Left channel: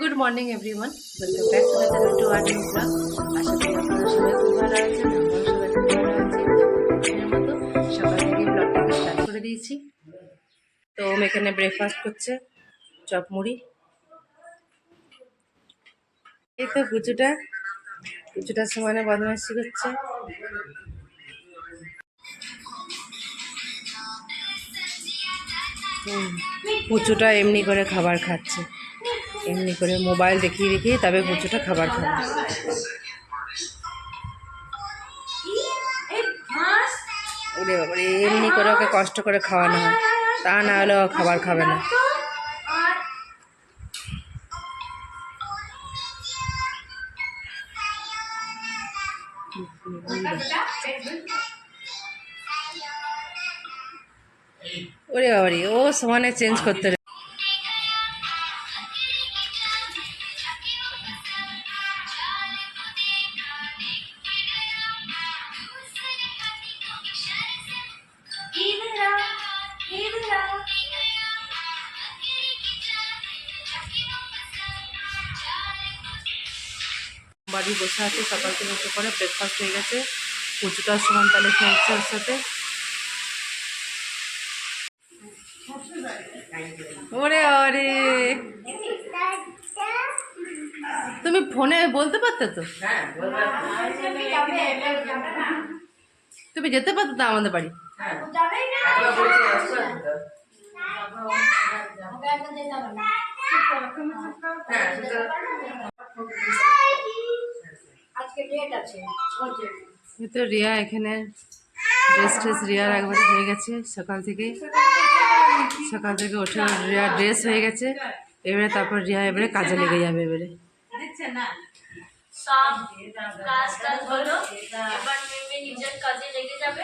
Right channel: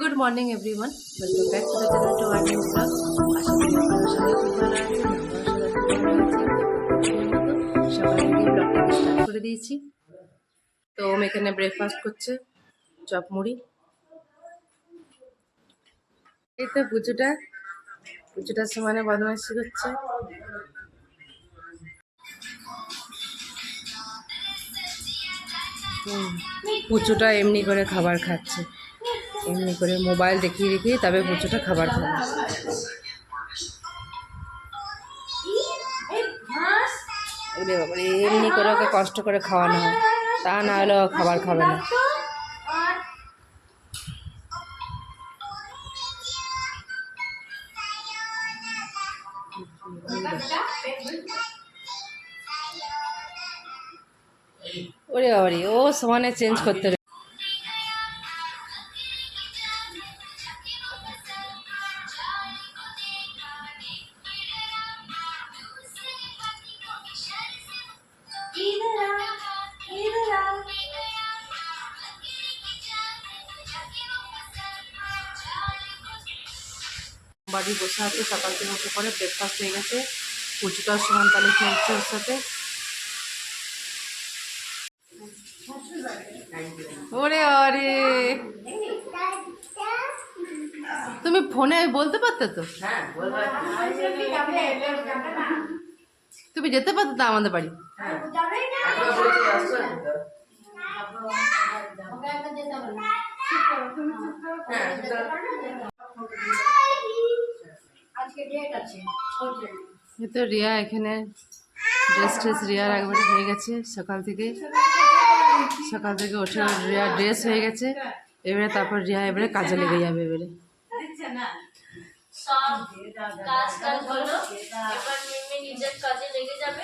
Good morning everyone, welcome back to the channel to our new blog. আশা করি আপনারা সবাই খুব ভালো আছেন, আমরাও সবাই খুব ভালো আছি। তো প্রতিদিনের মতো সকাল থেকে ব্লগটাকে স্টার্ট করে দিয়েছি। তো ওম এখানে ব্রেকফাস্ট করছে, চপ মুড়ি। এই তো পুচুটার সমানে বদমাইশি করছে। পুচুটা এমনি করে খাবার খাচ্ছে, এমনি করে মোবাইল দেখিয়ে দেখিয়ে তবে পুচুটা খাবার খাবে। ওরে বাবারে, এমনি করে ওকে কষ্ট করে খাওয়ানো হয়, তা না হলে ও খাবার খাবে না। ওরে বাবারে, ও সমানে চেঞ্জ করতে বাড়ি বসে আছে। সকাল থেকে উঠে পরে ব্রেকফাস্ট হয়ে গেছে, পুচুটার সমান তালে খেলছে ওর সাথে। ওরে ওরে, তুমি ফোনে বলতে পারতে তো, তুমি যেতে পারতে তো আমাদের বাড়ি। এই তো রিয়া এখানে ড্রেস রিয়ার একবারে হয়ে গেছে। সকাল থেকে উঠে রিয়া ড্রেস হয়ে গেছে। এবারে তারপর রিয়া এবারে কাজে লেগে যাবে। এবারে সব কাজ হলো, এবার মিমি নিজের কাজে লেগে যাবে।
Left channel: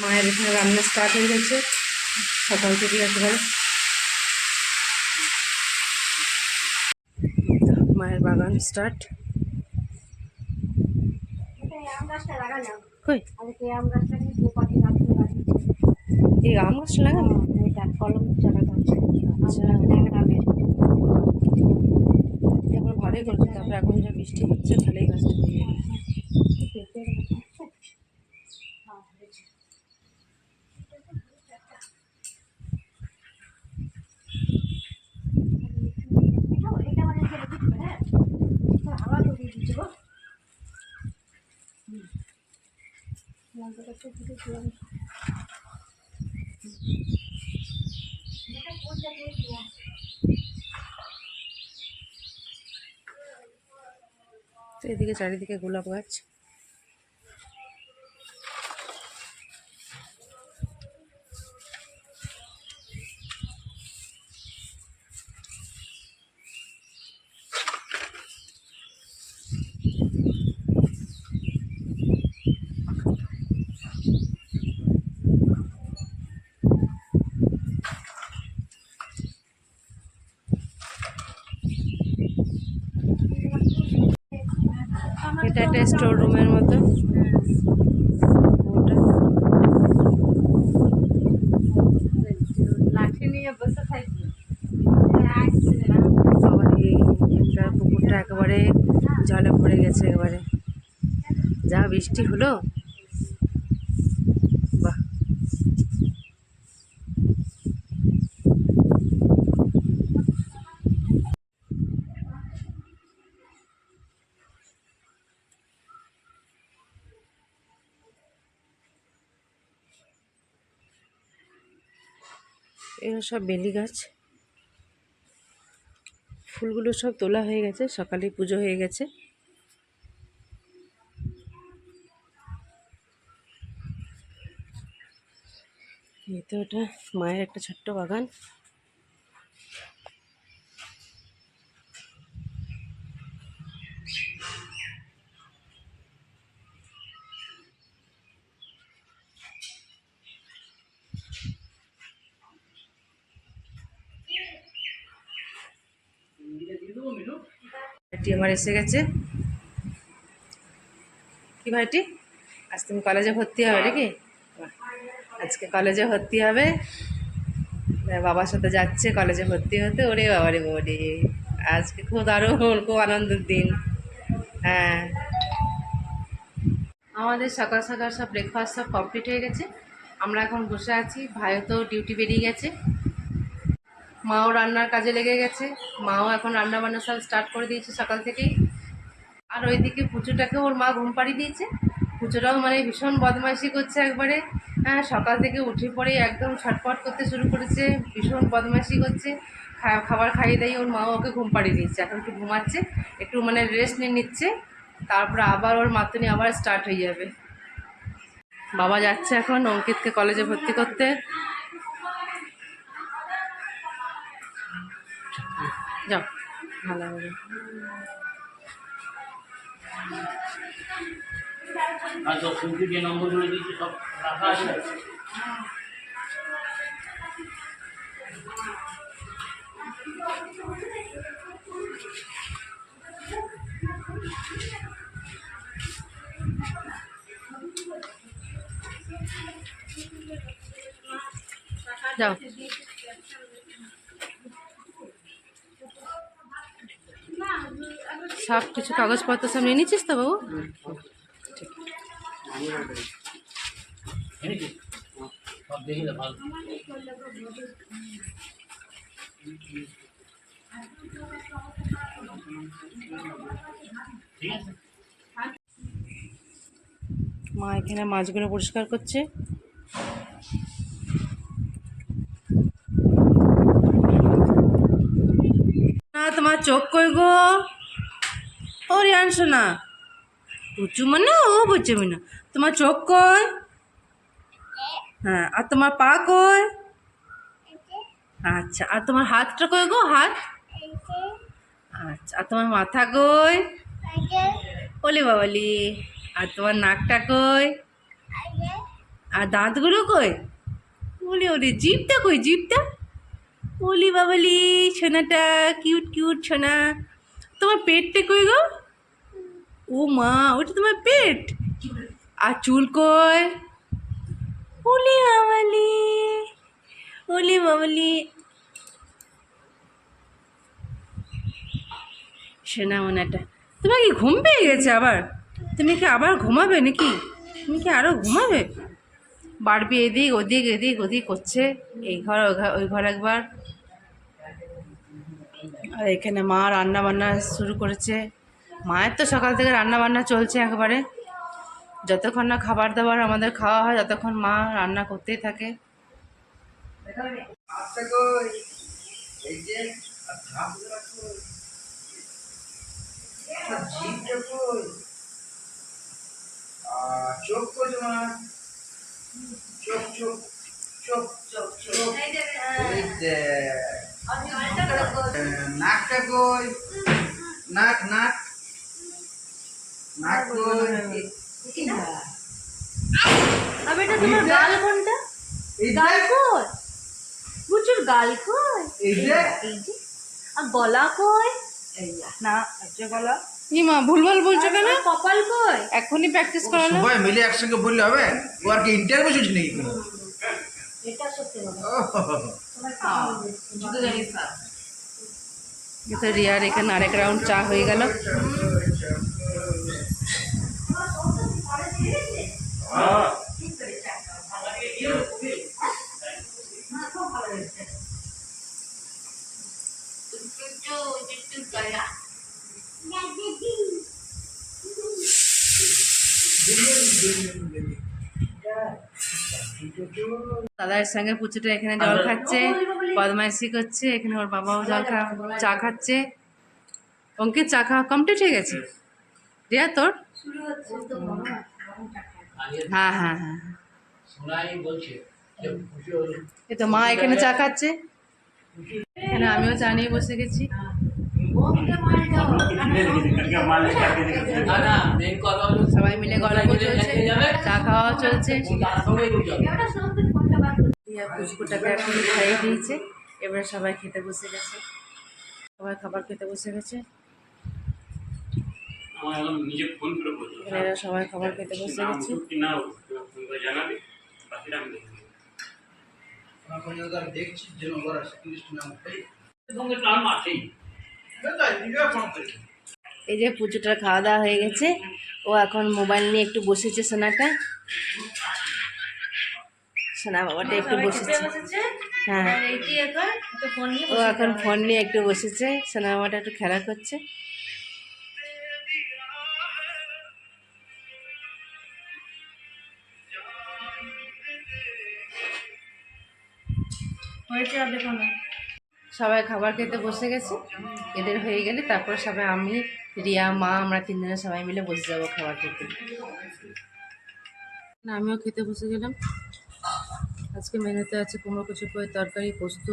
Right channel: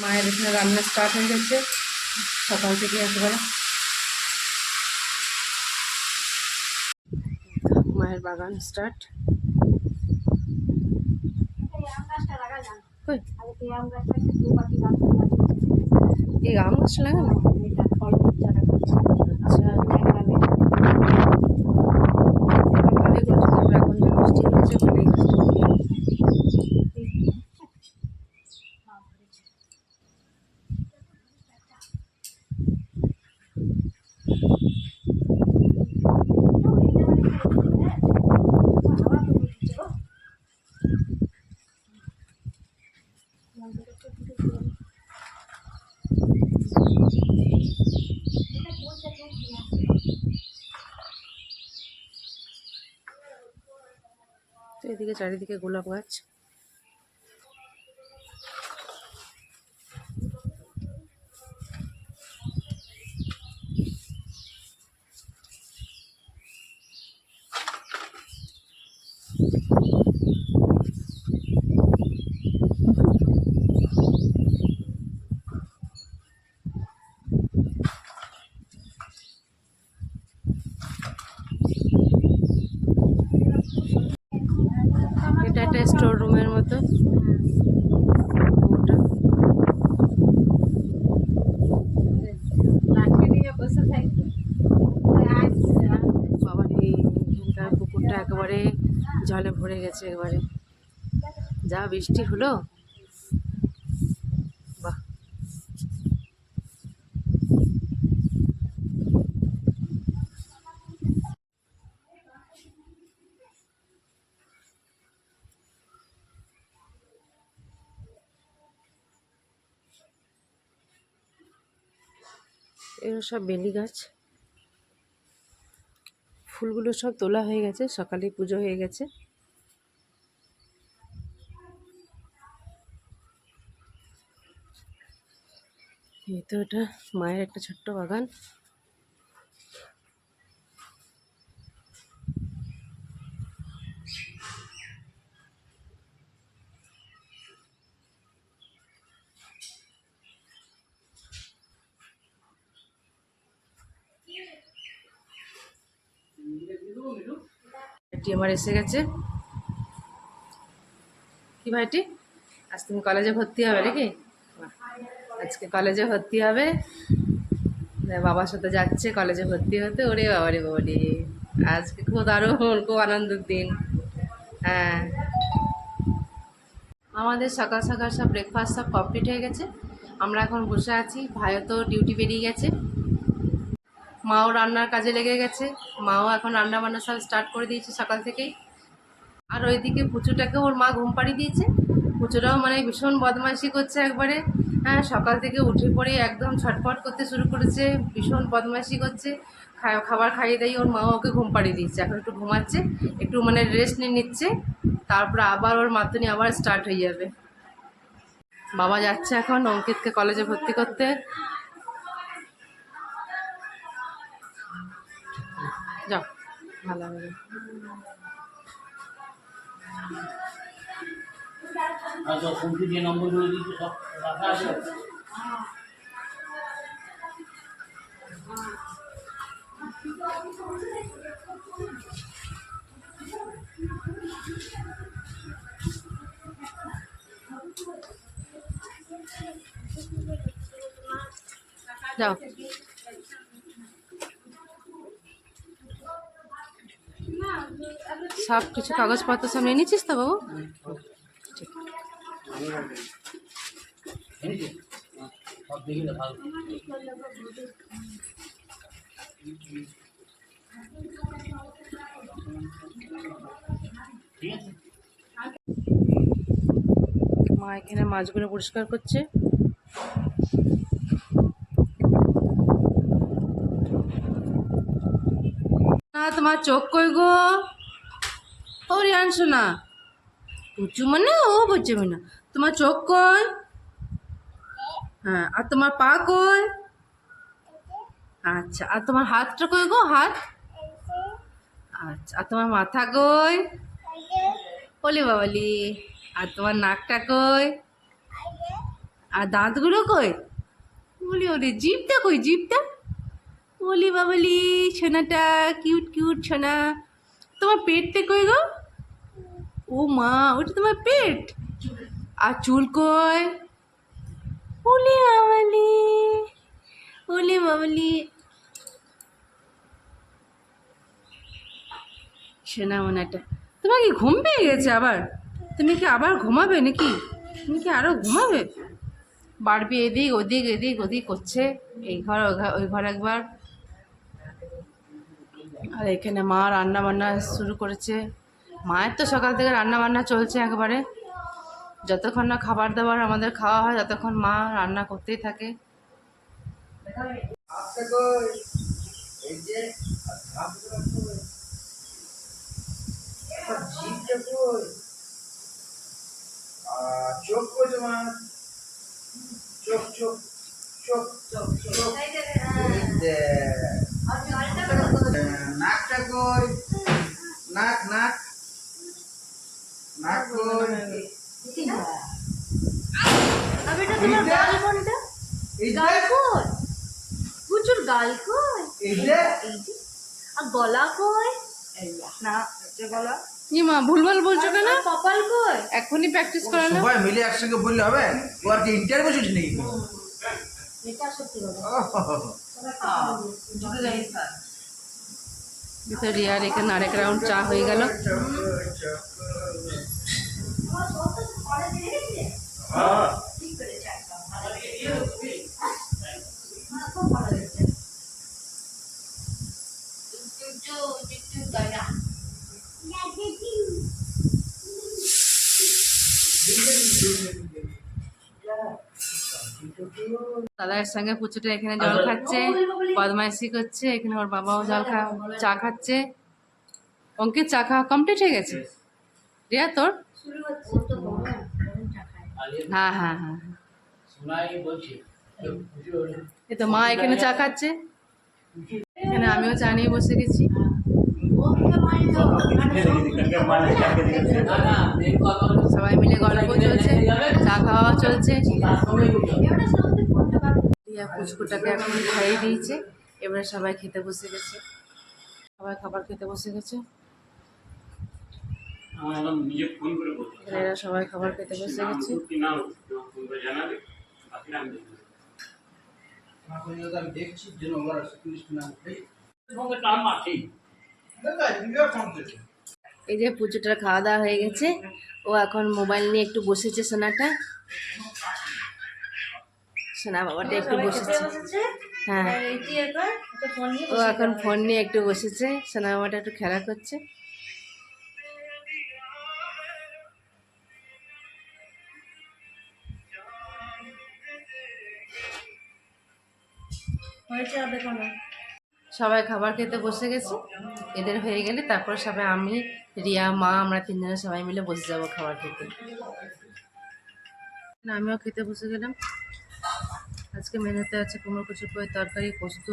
মায়ের এখানে রান্না স্টার্ট হয়ে গেছে সকাল থেকে একেবারে। মায়ের বাগান স্টার্ট। কই এই আম গাছটা লাগানো? আচ্ছা, ভালোই করছে। তারপর এখন যে বৃষ্টি হচ্ছে, ভালোই গাছটা। তো এদিকে চারিদিকে গোলাপ গাছ। এটা একটা স্টোর রুমের মতো। ওটা সবার এখানকার পুকুরটা একেবারে জলে ভরে গেছে। একেবারে যা বৃষ্টি হলো, বাহ। এগুলো সব বেলি গাছ। ফুলগুলো সব তোলা হয়ে গেছে, সকালে পুজো হয়ে গেছে। এই তো এটা মায়ের একটা ছোট্ট বাগান। এটি আমার এসে গেছে। কি ভাইটি? আজ তুমি কলেজে ভর্তি হবে নাকি? বাহ, আজকে কলেজে ভর্তি হবে, বাবার সাথে যাচ্ছে কলেজে ভর্তি হতে। ওরে বাবারে বাবারে, আজকে খুব দারুণ, খুব আনন্দের দিন। হ্যাঁ, আমাদের সকাল সকাল সব ব্রেকফাস্ট সব কমপ্লিট হয়ে গেছে। আমরা এখন বসে আছি, ভাইও তো ডিউটি বেরিয়ে গেছে, মাও রান্নার কাজে লেগে গেছে। মাও এখন রান্না বান্না সব স্টার্ট করে দিয়েছে সকাল থেকেই। আর ওইদিকে পুচুটাকে ওর মা ঘুম পাড়িয়ে দিয়েছে। পুচুটাও মানে ভীষণ বদমাইশি করছে একবারে। হ্যাঁ, সকাল থেকে উঠে পড়ে একদম ছটফট করতে শুরু করেছে, ভীষণ বদমাইশি করছে। খাবার খাইয়ে দেয়, ওর মাও ওকে ঘুম পাড়িয়ে দিচ্ছে, এখন একটু ঘুমাচ্ছে, একটু মানে রেস্ট নিয়ে নিচ্ছে, তারপরে আবার ওর মাতুনি আবার স্টার্ট হয়ে যাবে। বাবা যাচ্ছে এখন অঙ্কিতকে কলেজে ভর্তি করতে। যাও, ভালো হবে। আর সব ফোনটি যে নম্বরগুলো দিয়েছে সব রাখা আছে। যাও, সব কিছু কাগজপত্র সব নিয়ে নিচ্ছিস তো বাবু? ঠিক। এনেছি? সব দেখিলে ভালো। ঠিক আছে। মা এখানে মাছগুলো পরিষ্কার করছে। না, তোমার চোখ কই গো? ও রিয়াংশু না, পুচু মানে ও বুঝছে না। তোমার চোখ কই? হ্যাঁ, আর তোমার পা কই? আচ্ছা, আর তোমার হাতটা কই গো? হাত? আচ্ছা, আর তোমার মাথা কই? ওলি বাবালি। আর তোমার নাকটা কই? আর দাঁতগুলো কই? ওলি ওলি, জিভটা কই? জিভটা? ওলি বাবালি, সোনাটা কিউট কিউট সোনা। তোমার পেটটা কই গো? ও মা, ওটা তোমার পেট। আর চুল কই? ওলি বাবালি, ওলি বাবালি। সোনা মোনাটা, তোমার কি ঘুম পেয়ে গেছে আবার? তুমি কি আবার ঘুমাবে নাকি? তুমি কি আরো ঘুমাবে? বাড়বি এদিক ওদিক এদিক ওদিক করছে, এই ঘর ওই ঘর একবার। আর এখানে মা রান্না বান্না শুরু করেছে। মায়ের তো সকাল থেকে রান্না বান্না চলছে একবারে, যতক্ষণ না খাবার দাবার আমাদের খাওয়া হয় ততক্ষণ মা রান্না করতেই থাকে। চোখ কই তোমার? চোখ চোখ চোখ চোখ চোখ নাকটা কই? নাক নাক নাক কই? প্রচুর গাল কই? এই যে আর গলা কই? না হচ্ছে গলা। মা ভুলভাল বলছো কেন? কপাল কই? এখনই প্র্যাকটিস করানো। সবাই মিলে একসঙ্গে বললে হবে? ও আর কি ইন্টারভিউ চলছে নাকি? এটা সত্যি কথা। তো রিয়ার এখানে আরেক রাউন্ড চা হয়ে গেল। দাদার সঙ্গে পুচুটা এখানে জল খাচ্ছে, বদমাইশি করছে। এখানে ওর বাবাও চা খাচ্ছে। অঙ্কিত চা খাওয়া কমপ্লিট হয়ে গেছে? রিয়া তোর? হ্যাঁ হ্যাঁ হ্যাঁ, শোনাই বলছে যে খুশি হলো। এই তো মা এখানে চা খাচ্ছে, এখানে আমিও চা নিয়ে বসে গেছি। না না, মেন কথা হলো সবাই মিলে গল্প চলছে, চা খাওয়া চলছে। তার সঙ্গেই বুঝতে হবে। রিয়া পুচকুটাকে এখন খাইয়ে দিয়েছে, এবারে সবাই খেতে বসে গেছে, সবাই খাবার খেতে বসে গেছে। আমার একদম নিজে ফোন করে বলছি এখানে এরা সবাই খাবার খেতে বসে নাম গেছে। কি না ফোন করে জানাবে, বাকিটা আমি দেখবো। এখন যদি আমি দেখছি যে ওরা সেকেন্ড নাম উঠাই সঙ্গে টার্ম আছেই। এই যে পুজোটার খাওয়া দাওয়া হয়ে গেছে, ও এখন মোবাইল নিয়ে একটু বসেছে সোনাটা, সোনা বাবাটা একটু বসেছে। হ্যাঁ, ও এখন ফোন নিয়ে একটু বসেছে, সোনা বাবাটা একটু খেলা করছে। সবাই খাবার খেতে বসে গেছে, এদের হয়ে গেলে তারপর সবাই আমি, রিয়া, মা, আমরা তিনজনে সবাই মিলে বসে যাবো খাবার খেতে। আমিও খেতে বসে গেলাম। আজকে মেনুতে আছে কুমড়ো কচু পোয়ের তরকারি, পোস্ত,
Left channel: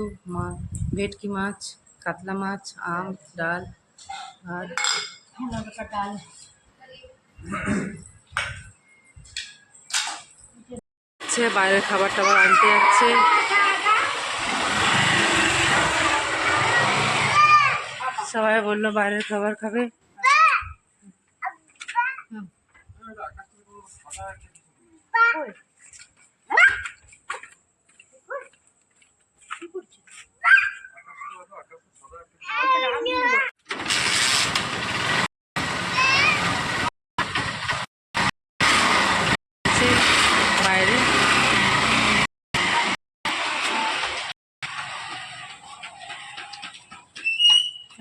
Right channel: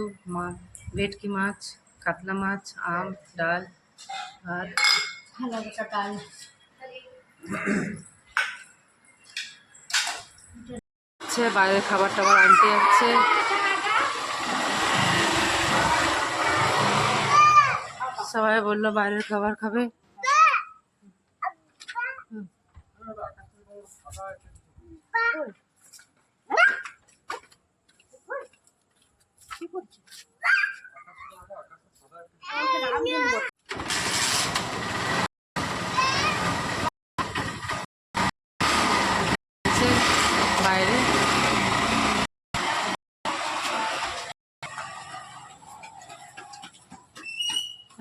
ভেটকি মাছ, কাতলা মাছ, আম, ডাল, ভাত। বাইরের খাবার টাবার আনতে যাচ্ছে। সবাই বললো বাইরের খাবার খাবে। বাইরে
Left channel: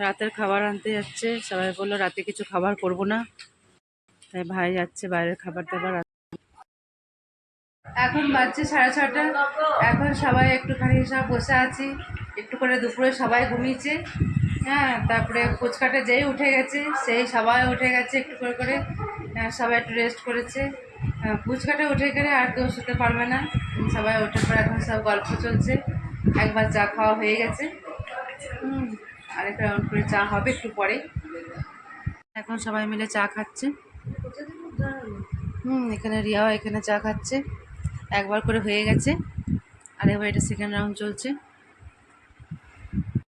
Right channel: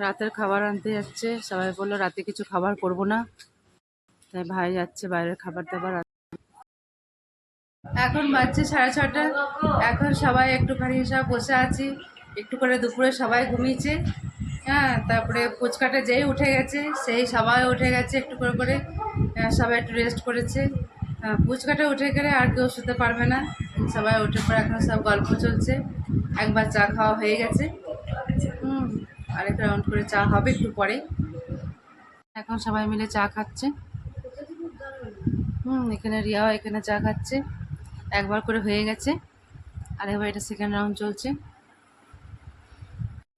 রাতের খাবার আনতে যাচ্ছে। সবাই বললো রাতে কিছু খাবার করব না, তাই ভাই যাচ্ছে বাইরের খাবার দাবার। এখন বাজছে 6:30। এখন সবাই একটুখানি সব বসে আছি, একটু করে দুপুরে সবাই ঘুমিয়েছে। হ্যাঁ, তারপরে ফুচকাটা যেই উঠে গেছে সেই সবাই উঠে গেছে একটু করে করে, সবাই একটু রেস্ট করেছে। ফুচকাটা উঠে গেলে আর কেউ শুতে পারবে না, সবাই উঠে পরে এখন সব গল্প চলছে। একবার চা খাওয়া হয়ে গেছে, আরেক রাউন্ড করে চা হবে একটু পরে। এখন সবাই মিলে চা খাচ্ছে। এখানে রিয়াও এখানে চা খাচ্ছে, একবার করে হয়ে গেছে, আরেকবার এটা সেকেন্ড রাউন্ড চলছে।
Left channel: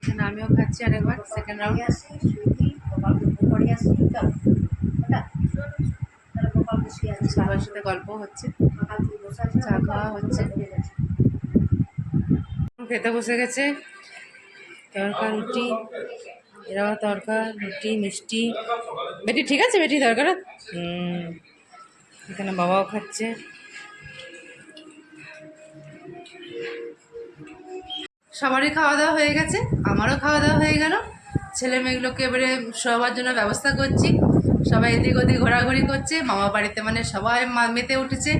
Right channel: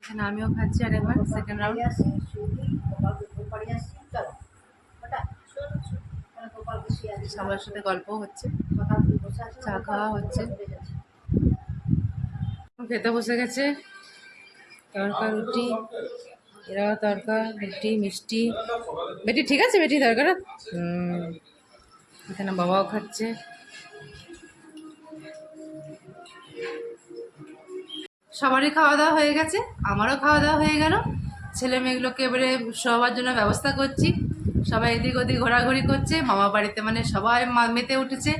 এখানে আমিও খাচ্ছি আরেকবার সেকেন্ড রাউন্ড। সবার সাথে গল্প হচ্ছে, চা খাওয়া হচ্ছে। খেতে বসে গেছে তরকা রুটি, এরাও তরকা রুটি মিষ্টি। বেটি ঠিক আছে, বেটি তরকার। এখানে বাবাও খাচ্ছে। সবারই খাওয়া দাওয়া হয়ে গেছে, আমারও খাওয়া দাওয়া হয়ে গেল। ছেলে মেয়েগুলোকে এবারে শোবার জন্য ব্যবস্থা করছি। সবাই এদিক ওদিক ঘোরাঘুরি করছে। মামা বাড়িতে মানে সবাই মেতে উঠেছে,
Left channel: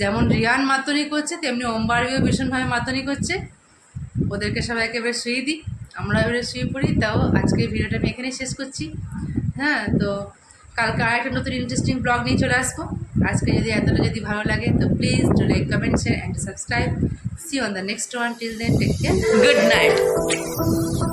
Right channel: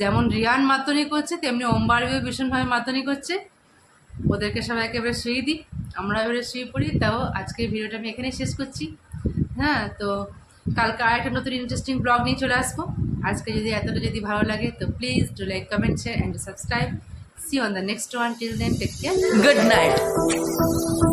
যেমন রিয়ান মাতনি করছে তেমনি ওমবাড়িও ভীষণভাবে মাতনি করছে। ওদেরকে সবাইকে এবারে শুয়ে দিই, আমরা এবারে শুয়ে পড়ি। তাও আজকের ভিডিওটা আমি এখানেই শেষ করছি। হ্যাঁ, তো কালকে আরেকটা নতুন ইন্টারেস্টিং ব্লগ নিয়ে চলে আসবো। আজকে যদি এতটা যদি ভালো লাগে তো please do like, comment, share and subscribe. See you on the next one. Till then, take care. Good night.